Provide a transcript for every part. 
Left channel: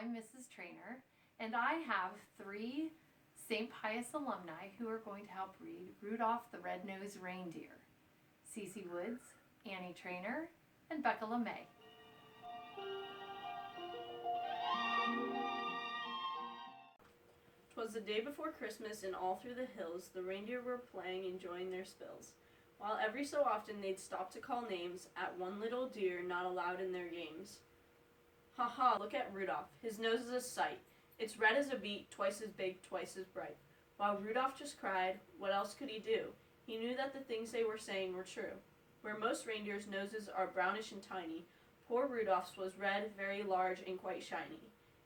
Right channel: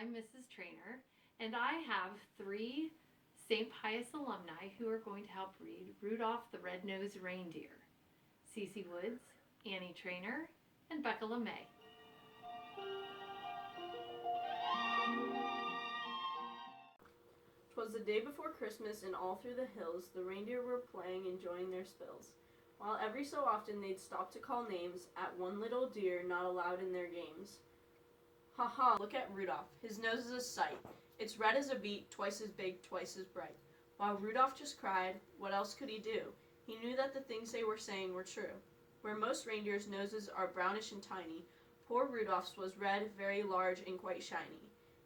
I'm Mrs. Trainer, and I have 3 St. Pius alumni who are going to help read Rudolph the Red-Nosed Reindeer: Cece Woods, Annie Trainer, and Becca LeMay. "'Twas the day before Christmas, and all through the hills the reindeer were playing, enjoying their spills, while every so often they'd stop to call names at one little deer not allowed in their games. Ha ha, look at Rudolph, his nose is a sight. It's red as a beet, twice as big, twice as bright." While Rudolph just cried, what else could he do? He knew that the things they were saying were true. Where most reindeers' noses are brownish and tiny, poor Rudolph's was red, very large, and quite shiny.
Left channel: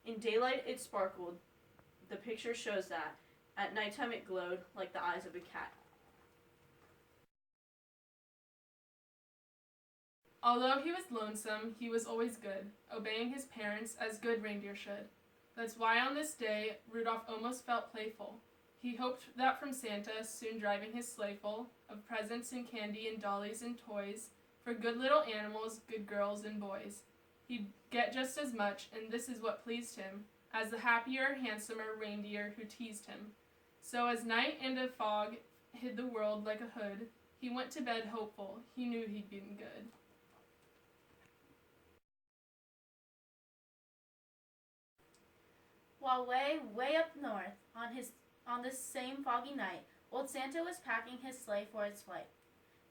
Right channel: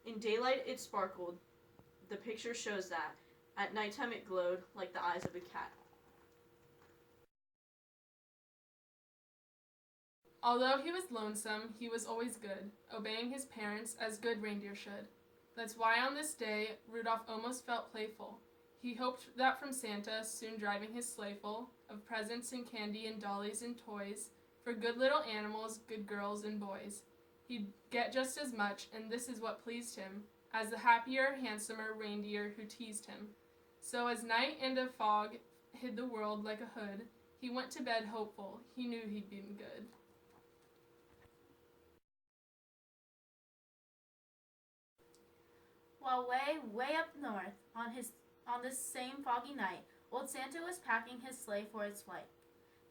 In daylight it sparkled, the picture shows that. At nighttime it glowed like the eyes of a cat. Although he was lonesome, he was always good, obeying his parents as good reindeer should. That's why on this day, Rudolph almost felt playful. He hoped that from Santa, soon driving his sleigh full of presents and candy and dollies and toys, for good little animals, good girls and boys, he'd get just as much, and this is what pleased him, as the happier, handsomer reindeer who teased him. So as night and a fog hid the world like a hood, he went to bed hopeful. He knew he'd been good. While way up north, on this same foggy night, old Santa was packing his sleigh for its flight.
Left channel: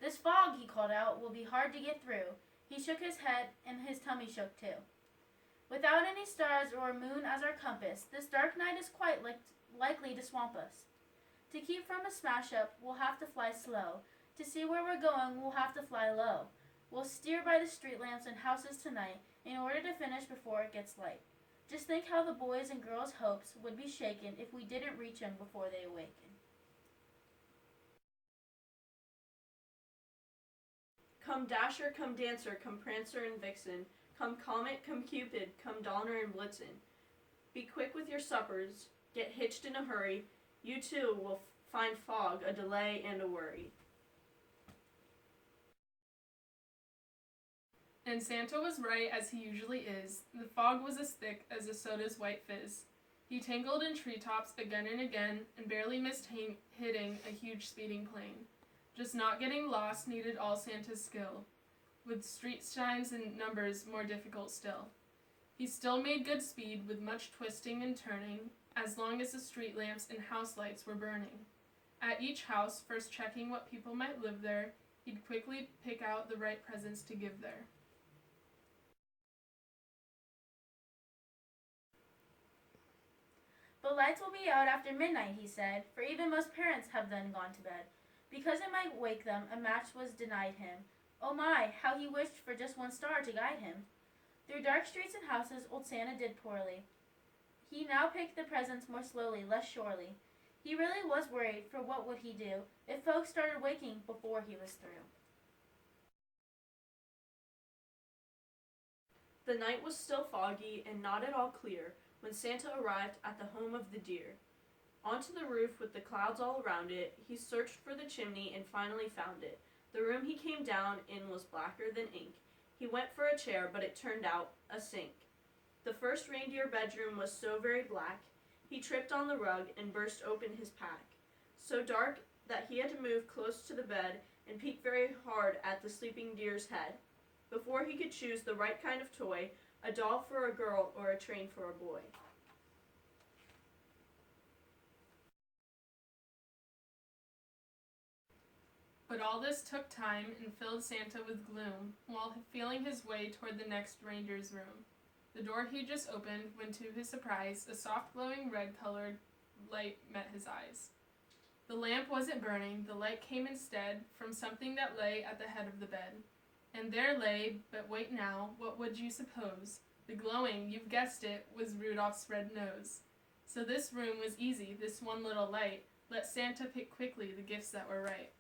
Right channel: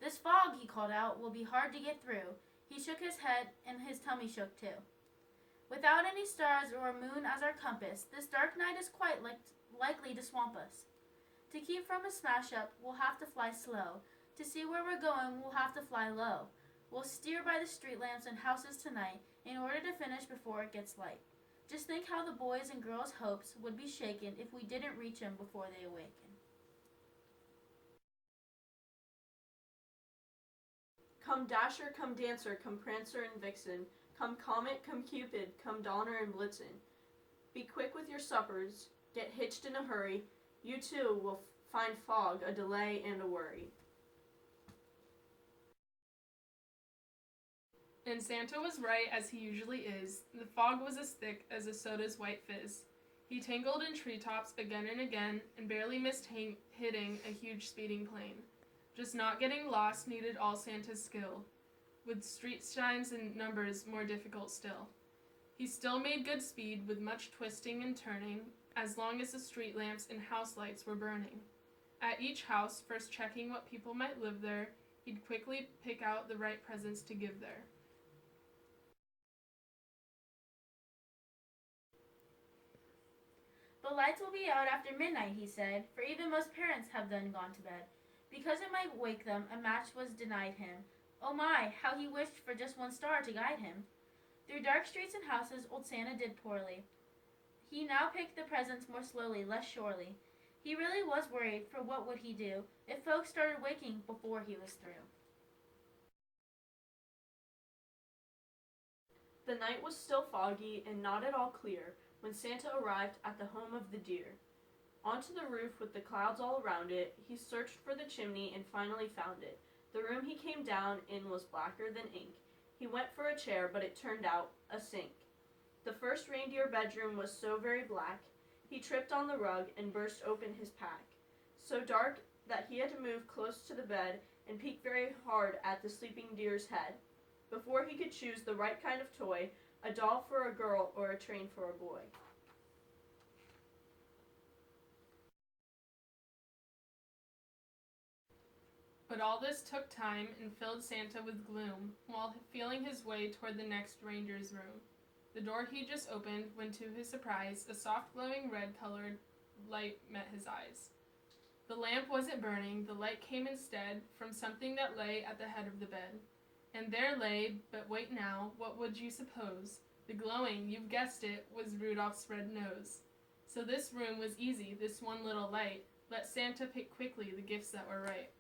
"This fog," he called out, "will be hard to get through." He shook his head, and his tummy shook too. "Without any stars or a moon as our compass, this dark night is quite likely to swamp us. To keep from a smash-up, we'll have to fly slow. To see where we're going, we'll have to fly low. We'll steer by the street lamps and houses tonight in order to finish before it gets light. Just think how the boys' and girls' hopes would be shaken if we didn't reach 'em before they awaken." Come Dasher, come Dancer, come Prancer and Vixen, come Comet, come Cupid, come Donner and Blitzen. Be quick with your suppers, get hitched in a hurry. You too will find fog, a delay, and a worry. And Santa was right, as he usually is. The fog was as thick as a soda's white fizz. He tangled in treetops again and again, and barely missed hitting a huge speeding plane. Just not getting lost needed all Santa's skill, with street signs and numbers more difficult still. He still made good speed with much twisting and turning, as long as the street lamps and house lights were burning. At each house, first checking what people might live there, he'd quickly pick out the right presents to give there. "But lights will be out after midnight," he said, "for even most parents have then gone to bed. Because it might wake them, a match was denied him. Oh my, how he wished for just one star to guide him." Through dark streets and houses old Santa did poorly. He now picked the presents more slowly, less surely. He really was worried, for what would he do if folks started waking before he was through? The night was still foggy and not at all clear when Santa arrived at the home of the deer. Onto the roof with the clouds all around it, he searched for the chimney and finally found it. The room he came down in was blacker than ink. He went for a chair, but it turned out a sink. The first reindeer bedroom was so very black, he tripped on the rug and burst open his pack. So dark that he had to move close to the bed and peek very hard at the sleeping deer's head, before he could choose the right kind of toy, a doll for a girl or a train for a boy. But all this took time and filled Santa with gloom, while feeling his way toward the next reindeer's room. The door he just opened when, to his surprise, a soft glowing red-colored light met his eyes. The lamp wasn't burning, the light came instead from something that lay at the head of the bed. And there lay, but wait now, what would you suppose? The glowing, you've guessed it, was Rudolph's red nose. So this room was easy, this one little light. Let Santa pick quickly the gifts that were right.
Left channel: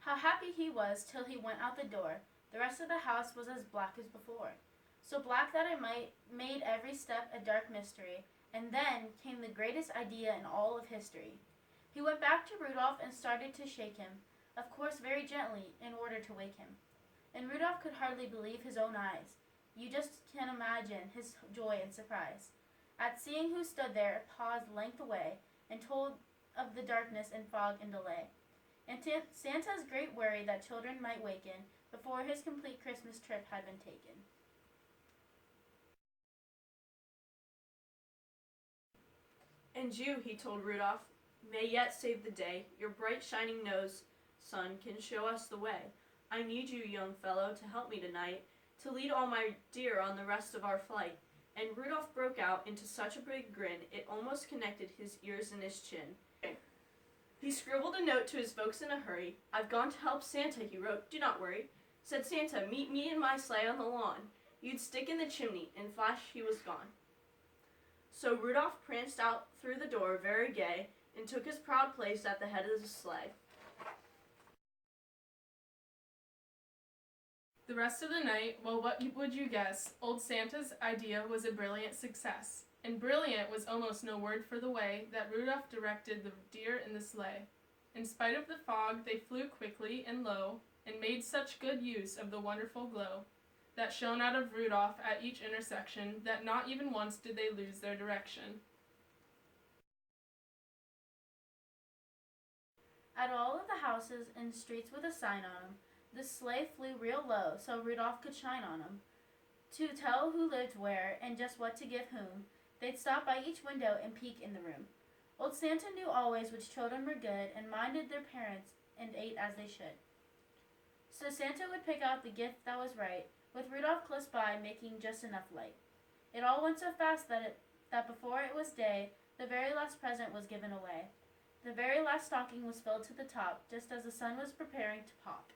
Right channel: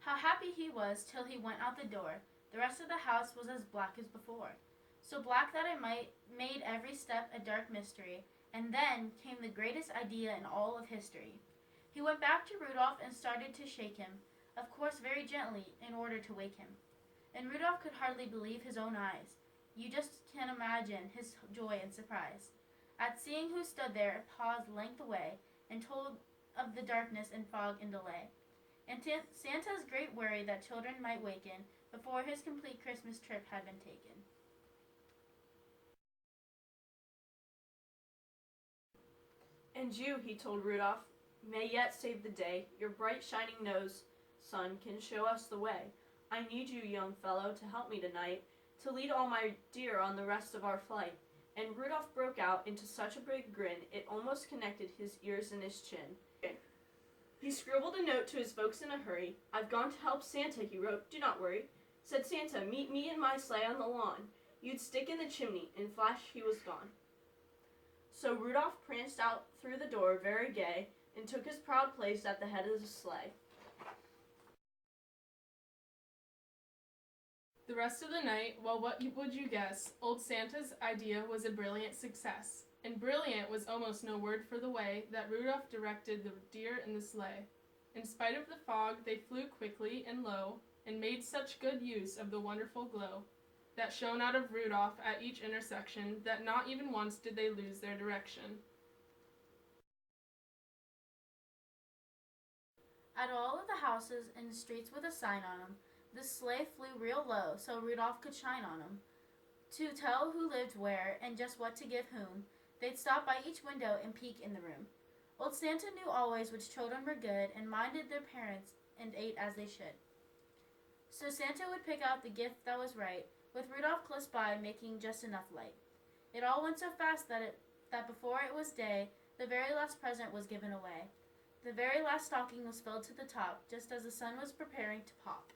How happy he was till he went out the door. The rest of the house was as black as before, so black that it made every step a dark mystery. And then came the greatest idea in all of history. He went back to Rudolph and started to shake him, of course very gently, in order to wake him. and Rudolph could hardly believe his own eyes. You just can imagine his joy and surprise at seeing who stood there, paused length away, and told of the darkness and fog and delay, and Santa's great worry that children might waken before his complete Christmas trip had been taken. And you, he told Rudolph, may yet save the day. Your bright shining nose, sun, can show us the way. I need you, young fellow, to help me tonight, to lead all my dear on the rest of our flight. And Rudolph broke out into such a big grin, it almost connected his ears and his chin. He scribbled a note to his folks in a hurry. I've gone to help Santa, he wrote. Do not worry. Said Santa, meet me in my sleigh on the lawn. You'd stick in the chimney. In flash, he was gone. So Rudolph pranced out through the door, very gay, and took his proud place at the head of the sleigh. The rest of the night, well, what would you guess? Old Santa's idea was a brilliant success. And brilliant was almost no word for the way that Rudolph directed the deer in the sleigh. In spite of the fog, they flew quickly and low, and made such good use of the wonderful glow that shone out of Rudolph at each intersection that not even once did they lose their direction. At all of the houses and streets with a sign on them, the sleigh flew real low so Rudolph could shine on them. To tell who lived where and just what to give whom, they'd stop by each window and peek in the room. Old Santa knew always which children were good and minded their parents and ate as they should. So Santa would pick out the gift that was right, with Rudolph close by making just enough light. It all went so fast that before it was day, the very last present was given away. The very last stocking was filled to the top, just as the sun was preparing to pop.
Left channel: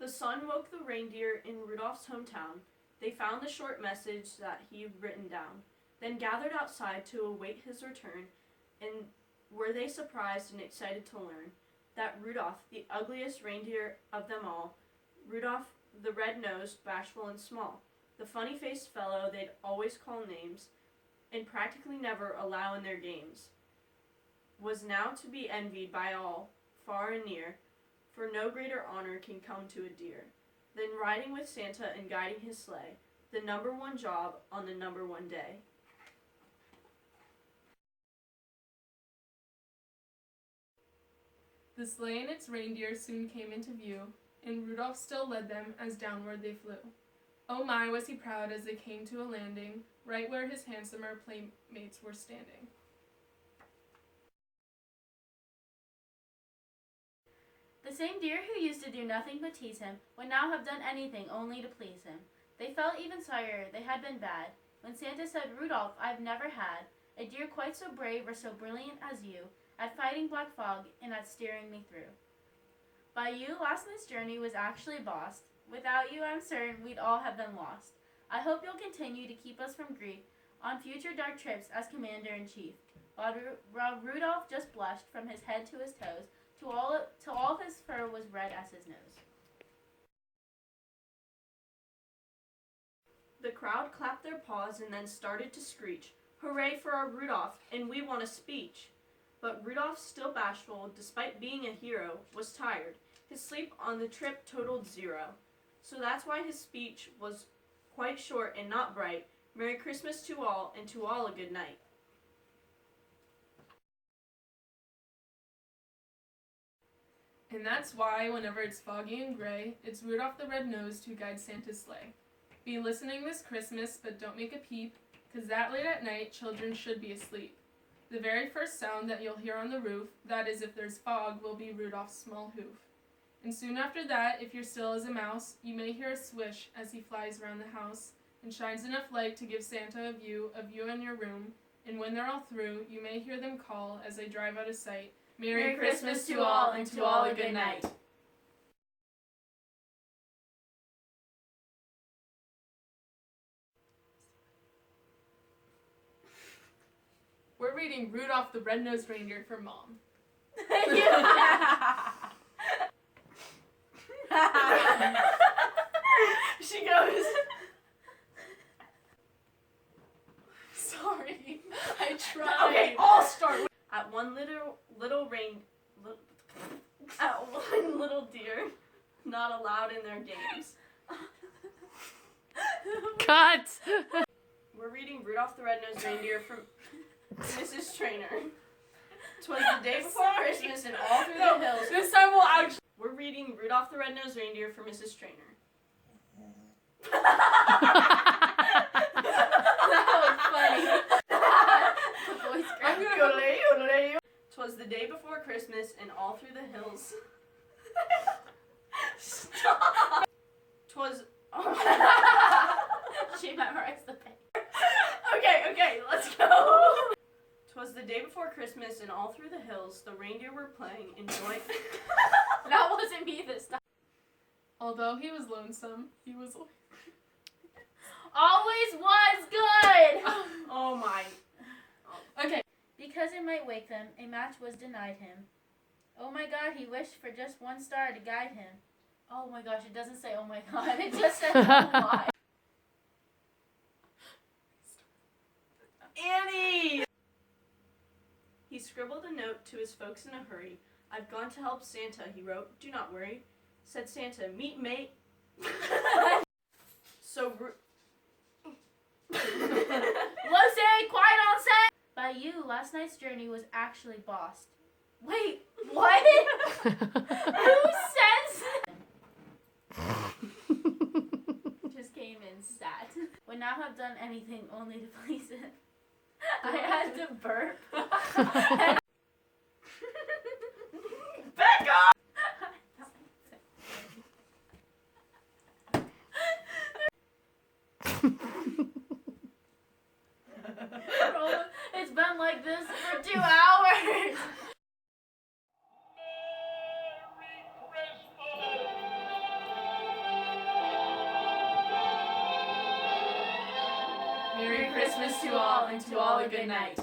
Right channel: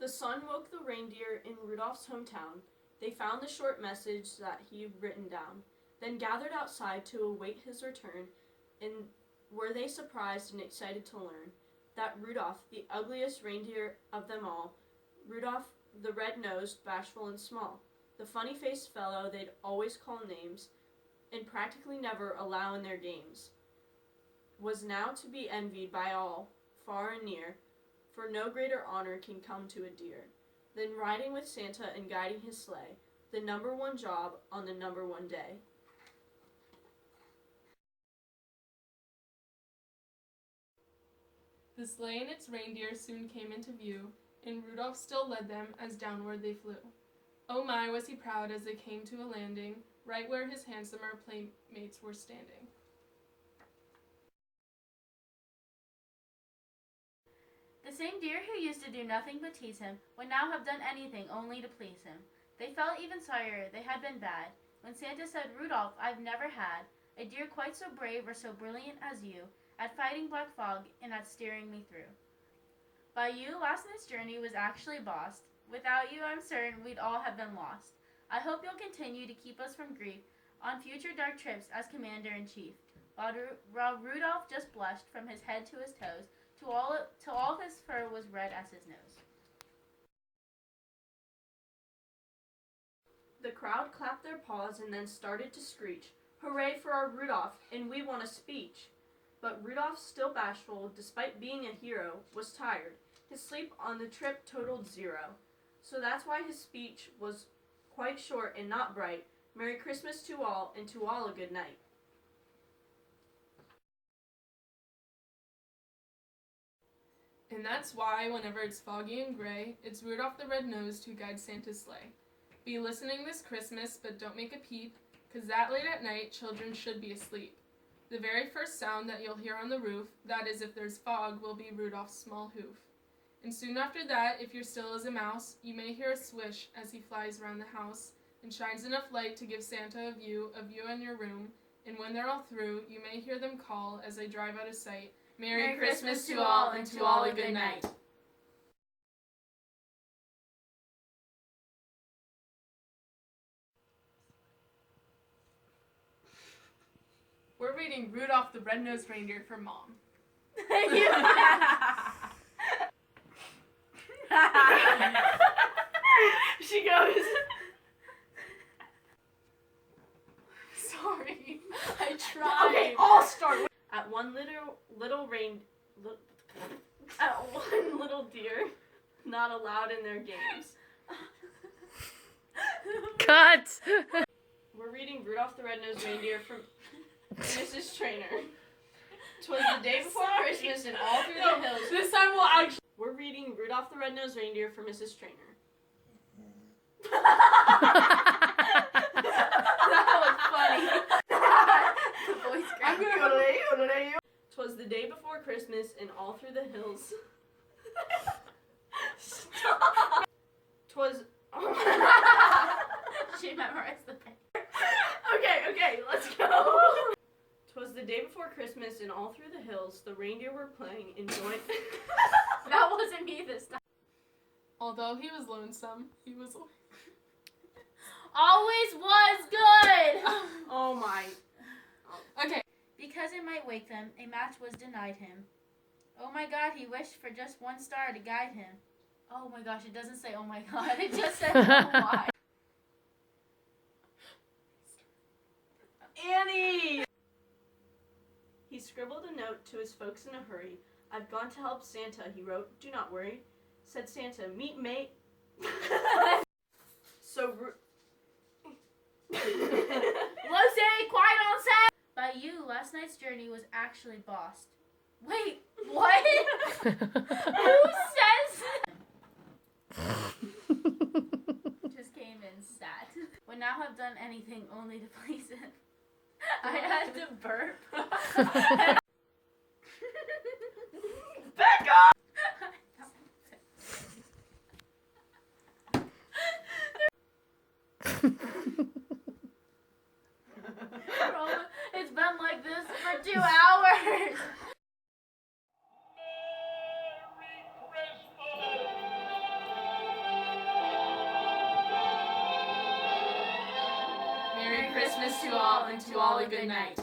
The sun woke the reindeer in Rudolph's hometown. They found the short message that he'd written down, then gathered outside to await his return, and were they surprised and excited to learn that Rudolph, the ugliest reindeer of them all, Rudolph the red-nosed, bashful and small, the funny-faced fellow they'd always call names and practically never allow in their games, was now to be envied by all, far and near, for no greater honor can come to a deer than riding with Santa and guiding his sleigh, the number one job on the number one day. The sleigh and its reindeer soon came into view, and Rudolph still led them as downward they flew. Oh my, was he proud as they came to a landing, right where his handsomer playmates were standing. The same deer who used to do nothing but tease him would now have done anything only to please him. They felt even sorrier they had been bad when Santa said, Rudolph, I've never had a deer quite so brave or so brilliant as you at fighting black fog and at steering me through. By you, last night's journey was actually bossed. Without you, I'm certain we'd all have been lost. I hope you'll continue to keep us from grief on future dark trips as Commander-in-Chief. While Rudolph just blushed from his head to his toes, till all his fur was red as his nose. The crowd clapped their paws and then started to screech, Hooray for our Rudolph, and we want a speech. But Rudolph, still bashful, despite being a hero, was tired. His sleep on the trip totaled 0. So that's why his speech was quite short and not bright. Merry Christmas to all, and to all a good night. And that's why, whenever it's foggy and gray, it's Rudolph the Red-Nosed who guides Santa's sleigh. Be listening this Christmas, but don't make a peep, 'cause that late at night, children should be asleep. The very first sound that you'll hear on the roof, that is if there's fog, will be Rudolph's small hoof. And soon after that, if you're still as a mouse, you may hear a swish as he flies around the house and shines enough light to give Santa a view of you and your room. And when they're all through, you may hear them call as they drive out of sight, Merry Christmas to all, and to all a good night. We're reading Rudolph the Red-Nosed Reindeer for Mom. She goes, Sorry, I tried. Okay, I'll start with at one little deer not allowed in their games. Cut! We're reading Rudolph the Red-Nosed Reindeer from Mrs. Trainer. 'Twas the day before Christmas and all through the hills. This time we'll actually. We're reading Rudolph the Red-Nosed Reindeer for Mrs. Trainer. That was funny. The voice I'm cracked. gonna. 'Twas the day before Christmas and all through the hills. Stop. 'Twas. She memorized the pen. Okay, let's go. 'Twas the day before Christmas and all through the hills the reindeer were playing, enjoying. That wasn't me this time. Although he was lonesome, he was. Always was good. Oh my. Okay. Because it might wake them, a match was denied him. Oh my God, he wished for just one star to guide him. Oh my gosh, it doesn't say oh my God, it just says oh my. Annie! He scribbled a note to his folks in a hurry. I've gone to help Santa, he wrote. Do not worry. Said Santa, meet mate. So Lucy, quiet on set! By you, last night's journey was actually bossed. Wait, what? Who says just came in sat. Would not have done anything only to please him. I had to burp. back off! It's been like this for 2 hours. Merry Christmas to all, and to all a good night.